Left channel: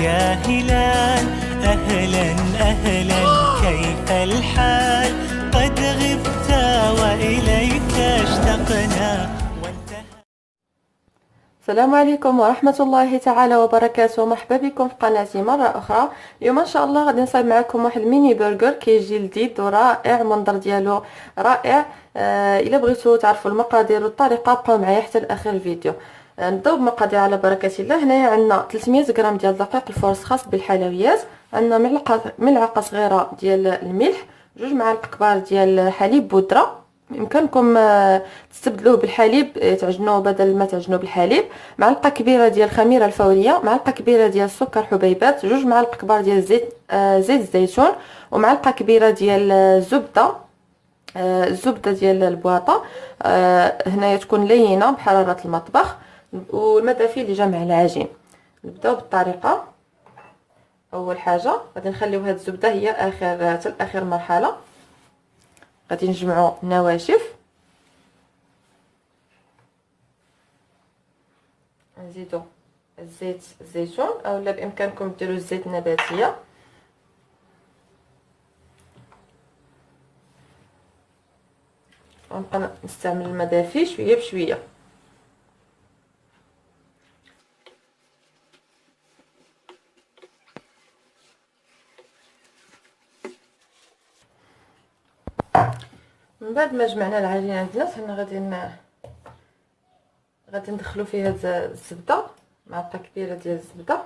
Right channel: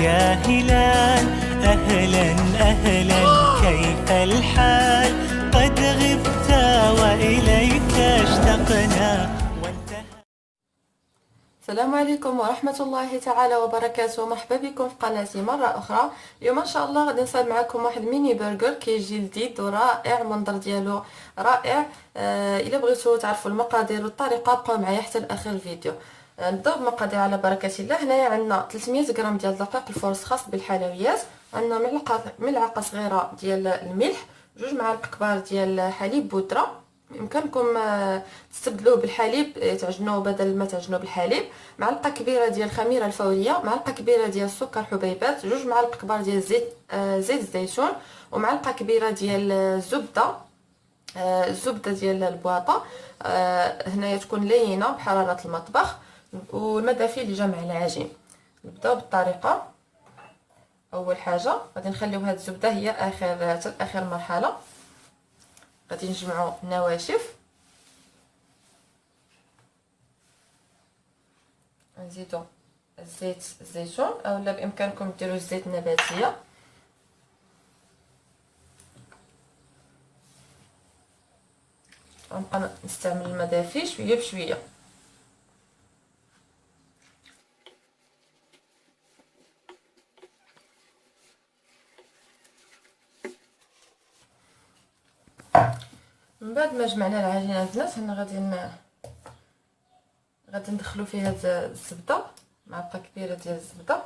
يا هلال أهلا أهلا كيف الحال قد غبت وإليك اشتقنا وانتهى. السلام عليكم ورحمة الله تعالى وبركاته. مرحبا بكم في قناتي مرة أخرى. اليوم إن شاء الله غادي نصايب معكم واحد الميني برجر كيجي لذيذ ورائع، المنظر ديالو رائع. إلا بغيتو تعرفوا المقادير والطريقة بقاو معايا حتى لآخر الفيديو. نبداو بمقادير على بركة الله. هنايا عندنا 300 غرام ديال دقيق الفورس خاص بالحلويات، عندنا ملعقة صغيرة ديال الملح، 2 معالق كبار ديال حليب بودرة، يمكنكم تستبدلوه بالحليب تعجنوه بدل ما تعجنوه بالحليب، معلقه كبيره ديال الخميره الفوريه، معلقه كبيره ديال السكر حبيبات، 2 معالق كبار ديال زيت الزيتون، ومعلقه كبيره ديال الزبده ديال البواطه. هنايا تكون لينه بحراره المطبخ، والمدافي اللي جا مع العجين. نبداو بالطريقه. اول حاجه غادي نخليو هاد الزبده هي اخر مرحله. غادي نجمعوا النواشف، نزيدوا الزيت الزيتون اولا بامكانكم ديروا الزيت النباتيه، غنبقى نستعمل المدافي شويه بشويه. من بعد ما جمعنا العجينه البنات، هنا غادي ندخلو فيها الزبده، معلقه كبيره ديال الزبده،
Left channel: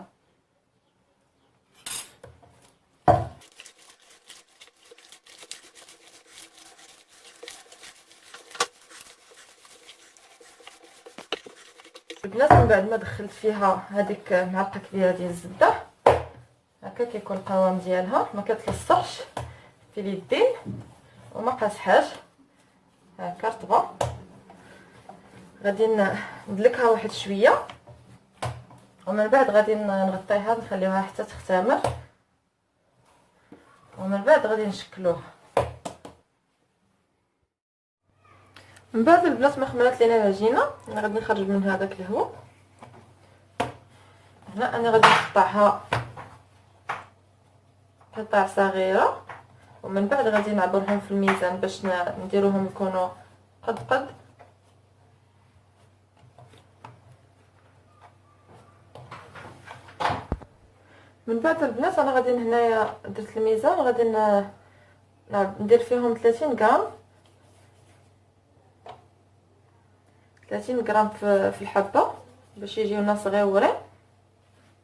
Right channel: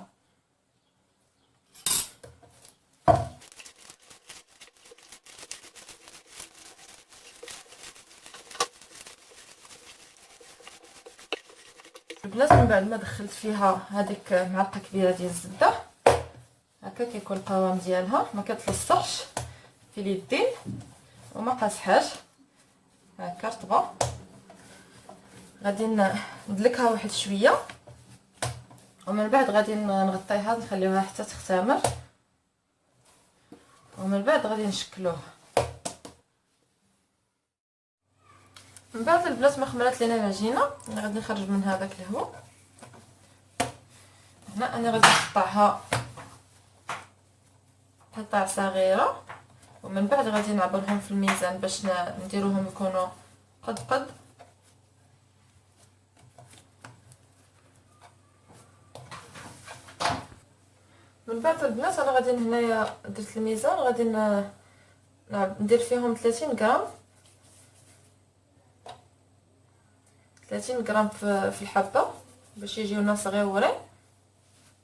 البنات. من بعد ما دخلت فيها هذيك معلقه كبيره ديال الزبده، هكا كيكون القوام ديالها، ما كتلصقش في اليدين وما قاصحاش، هكا رطبه. غادي ندلكها واحد شويه، ومن بعد غادي نغطيها نخليوها حتى تختمر، ومن بعد غادي نشكلوها. من بعد البنات ما خمرات لينا العجينه، انا غادي نخرج من هذاك الهواء. هنا انا غادي نقطعها قطع صغيره، ومن بعد غادي نعبرهم في الميزان باش نديروهم يكونوا قد. من بعد البنات انا غادي هنايا درت الميزان، غادي ندير فيهم 30 غرام 30 غرام في الحبه باش يجيونا صغيورين.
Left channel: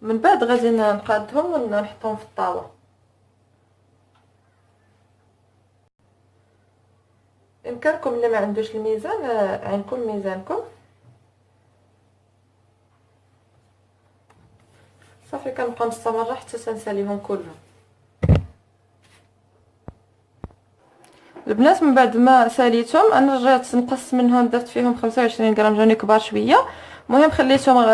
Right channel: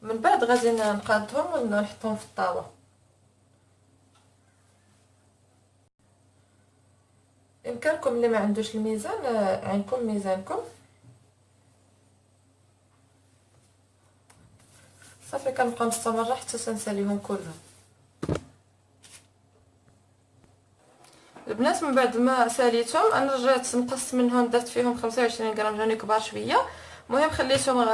من بعد غادي نقادهم ونحطهم في الطاوه. بامكانكم اللي ما عندوش الميزان عينكم ميزانكم. صافي كنبقى مستمره حتى تنساليهم كلهم. البنات من بعد ما ساليتهم انا رجعت نقص منهم، درت فيهم 25 غرام، جوني كبار شويه. المهم خليتهم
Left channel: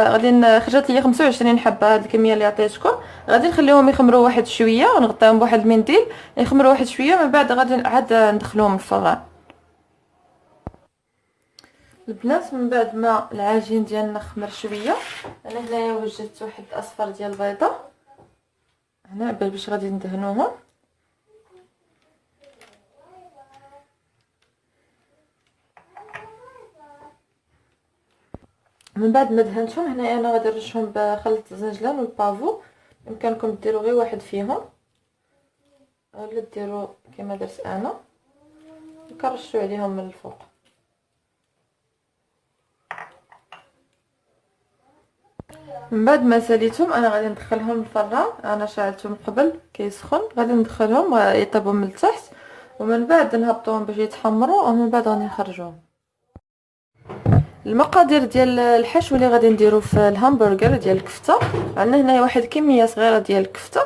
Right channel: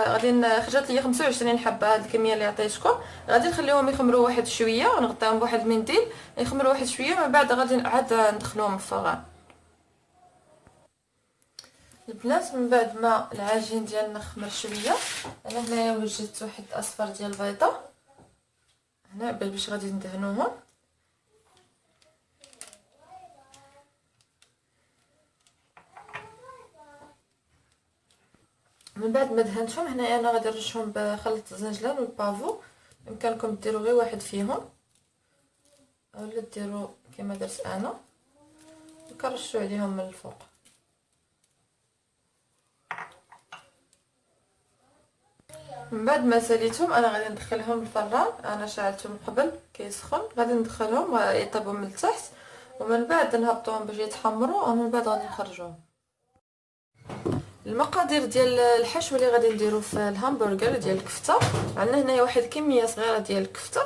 خرجت لي 25 حبه، هاد الكميه اللي عطيتكم. غادي نخليهم يخمروا واحد شويه ونغطيهم بواحد المنديل يخمروا واحد شويه، من بعد غادي عاد ندخلوهم الفران. البنات من بعد ما العجين ديالنا خمر شويه، انا هنايا وجدت واحد اصفر ديال البيضه هنا باش غادي ندهنوهم. من بعد ما دهنتهم هنايا انا غادي نرشهم بخليط الزنجلان والبافو، يمكنكم ديروا غير واحد فيهم اولا ديروا كما درت انا، كنرشوا عليهم من الفوق. من بعد ما ساليتهم انا غادي ندخلهم الفران، انا شعلتهم قبل كيسخن، غادي ندخلهم يطيبوا من التحت، ومن بعد نهبطوهم باش يتحمروا، ومن بعد غادي نخرجوهم. المقادير ديال الحشو اللي غادي نديرو في الهامبرغر ديال الكفته، عندنا هنايا واحد كميه صغيره ديال الكفته،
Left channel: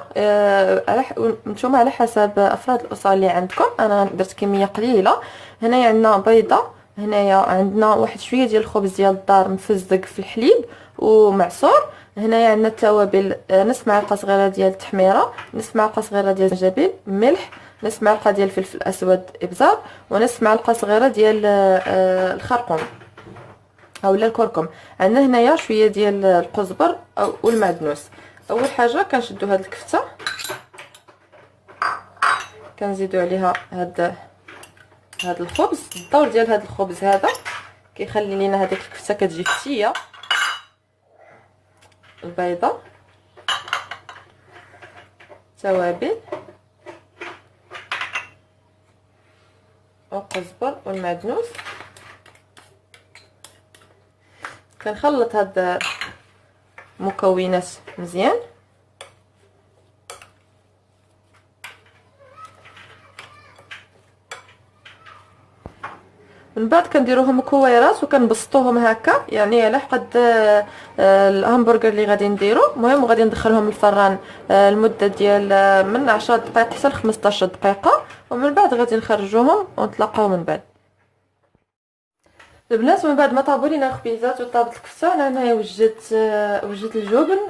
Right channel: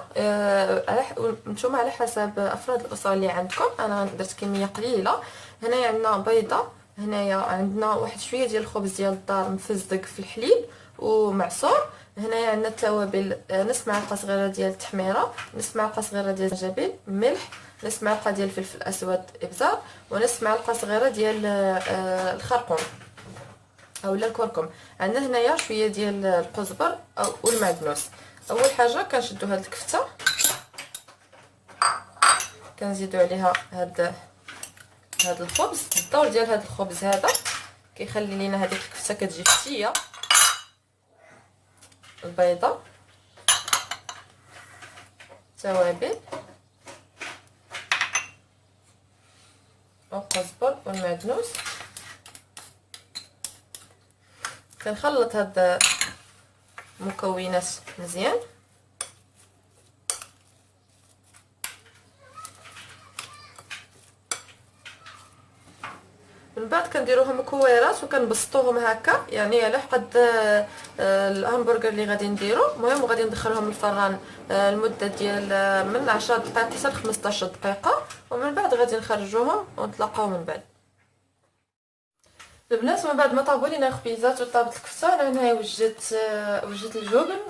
نتوما على حسب افراد الاسره اللي عندكم. انا درت كميه قليله. هنايا عندنا بيضه، هنايا عندنا واحد شويه ديال الخبز ديال الدار مفزق في الحليب ومعصور، هنايا عندنا التوابل، نص معلقه صغيره ديال التحميره، نص معلقه صغيره ديال الزنجبيل، ملح، نص معلقه ديال الفلفل الاسود ابزار، ونص معلقه صغيره ديال الخرقوم اولا الكركم. عندنا هنايا شويه ديال القزبر والمعدنوس. اول حاجه كنشدو هاد الكفته، كنزيدو عليها هاد الخبز. الدور ديال هاد الخبز هذا كيخلي لينا هذيك الكفته كتجي فتيه. البيضه، التوابل، والقزبر والمعدنوس. كنخلط هاد المكونات مزيان. من بعد كنديروهم مكورات وكنبسطوهم هكا، يعني على حد الهامبرغر اللي غادي نديرو. المهم وغادي ندخلهم الفران المده ديال من 10 دقائق حتى ل 15 دقيقه، ومن بعد غادي نخرجوهم ونتلاقاو من بعد. البنات من بعد ما طابوا لينا الخبيزات وطابت الكفته، انا هنايا وجدت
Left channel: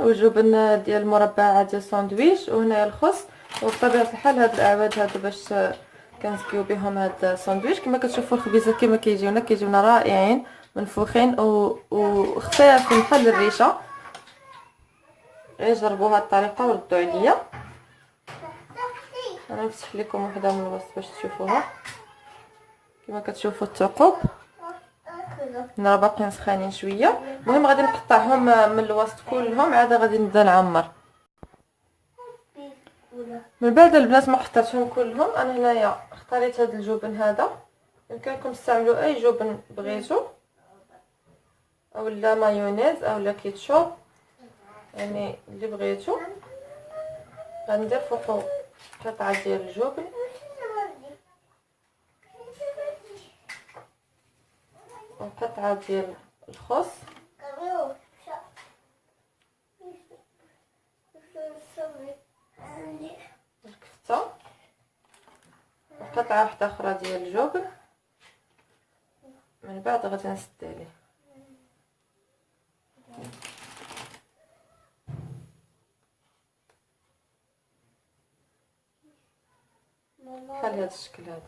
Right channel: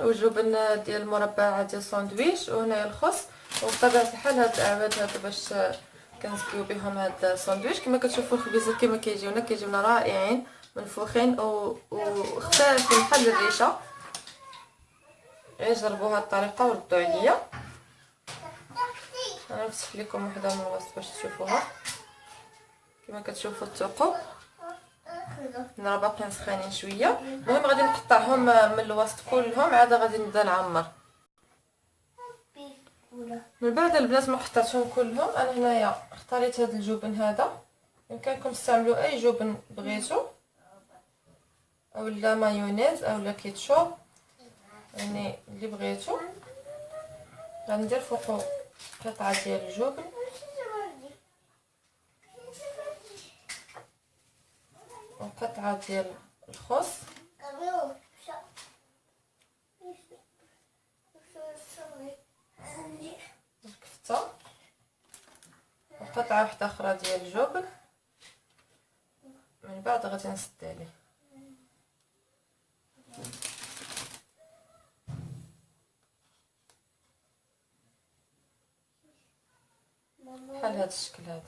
الجبن ديال المربعات ديال الساندويتش، وهنايا الخس. وبطبيعه الحال هاد الاعواد هادو باش كنزكيو بهم هاد الساندويتش. كما كتشوفوا الخبيزات كما كيجيونا رائعين منفوخين وخفاف بحال الريشه. غير جربوا هاد الطريقه وردوا عليا. انا نفتح لكم وحده من الوسط باش تشوفوها. كما كتشوفوا الثقوب راه باقيين سخانين شويه. المهم غادي نقطعهم من الوسط كلهم، عاد غادي نبدا نعمر. من بعد البنات ما قطعتهم كلهم، انا هنايا اختاريت هذا الجبن هذا. يمكنكم تستعملوا اي جبن بغيتو، اولا مايونيز اولا كيتشوب، يعني اللي بغيتو. غندير فوقو قطعه ديال الجبن وقطعه ديال الخس الكفته وقطعه واحده اخرى ديال الجبن. من بعد غادي نسد عليه. بحال هذا الشكل هذا.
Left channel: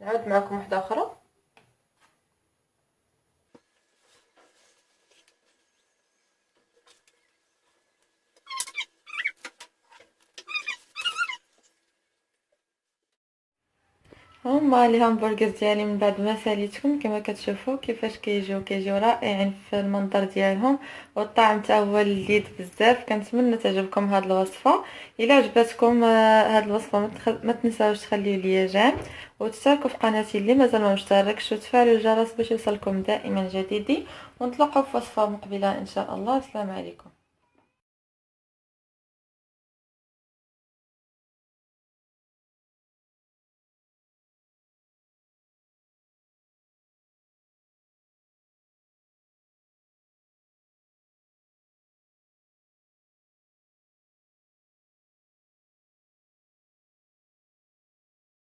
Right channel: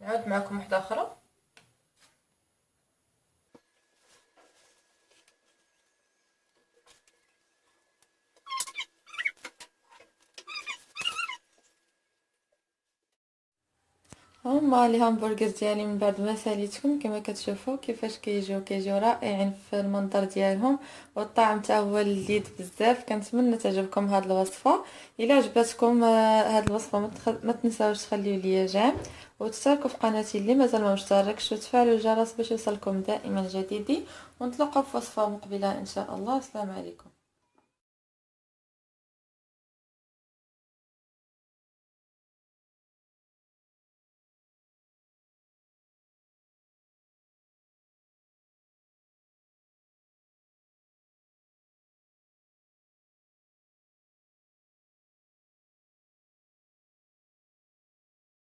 نعاود معكم واحده اخرى. هما لي همبرغر ديالي من بعد ما ساليتهم كما كتشوفوا كيفاش كيجيو رائعين في المنظر ديالهم، والطعم حتى هو لذيذ بزاف. كنتمنى تعجبكم هذه الوصفه. الا عجبتكم هذه الوصفه ما تنساوش تخليوا لي جيم وتشتركوا في قناتي اللي مازال ما مشتركش، وتفعلوا الجرس باش يوصلكم دائما جديدي. ونتلاقاو في وصفه مقبله ان شاء الله. السلام عليكم.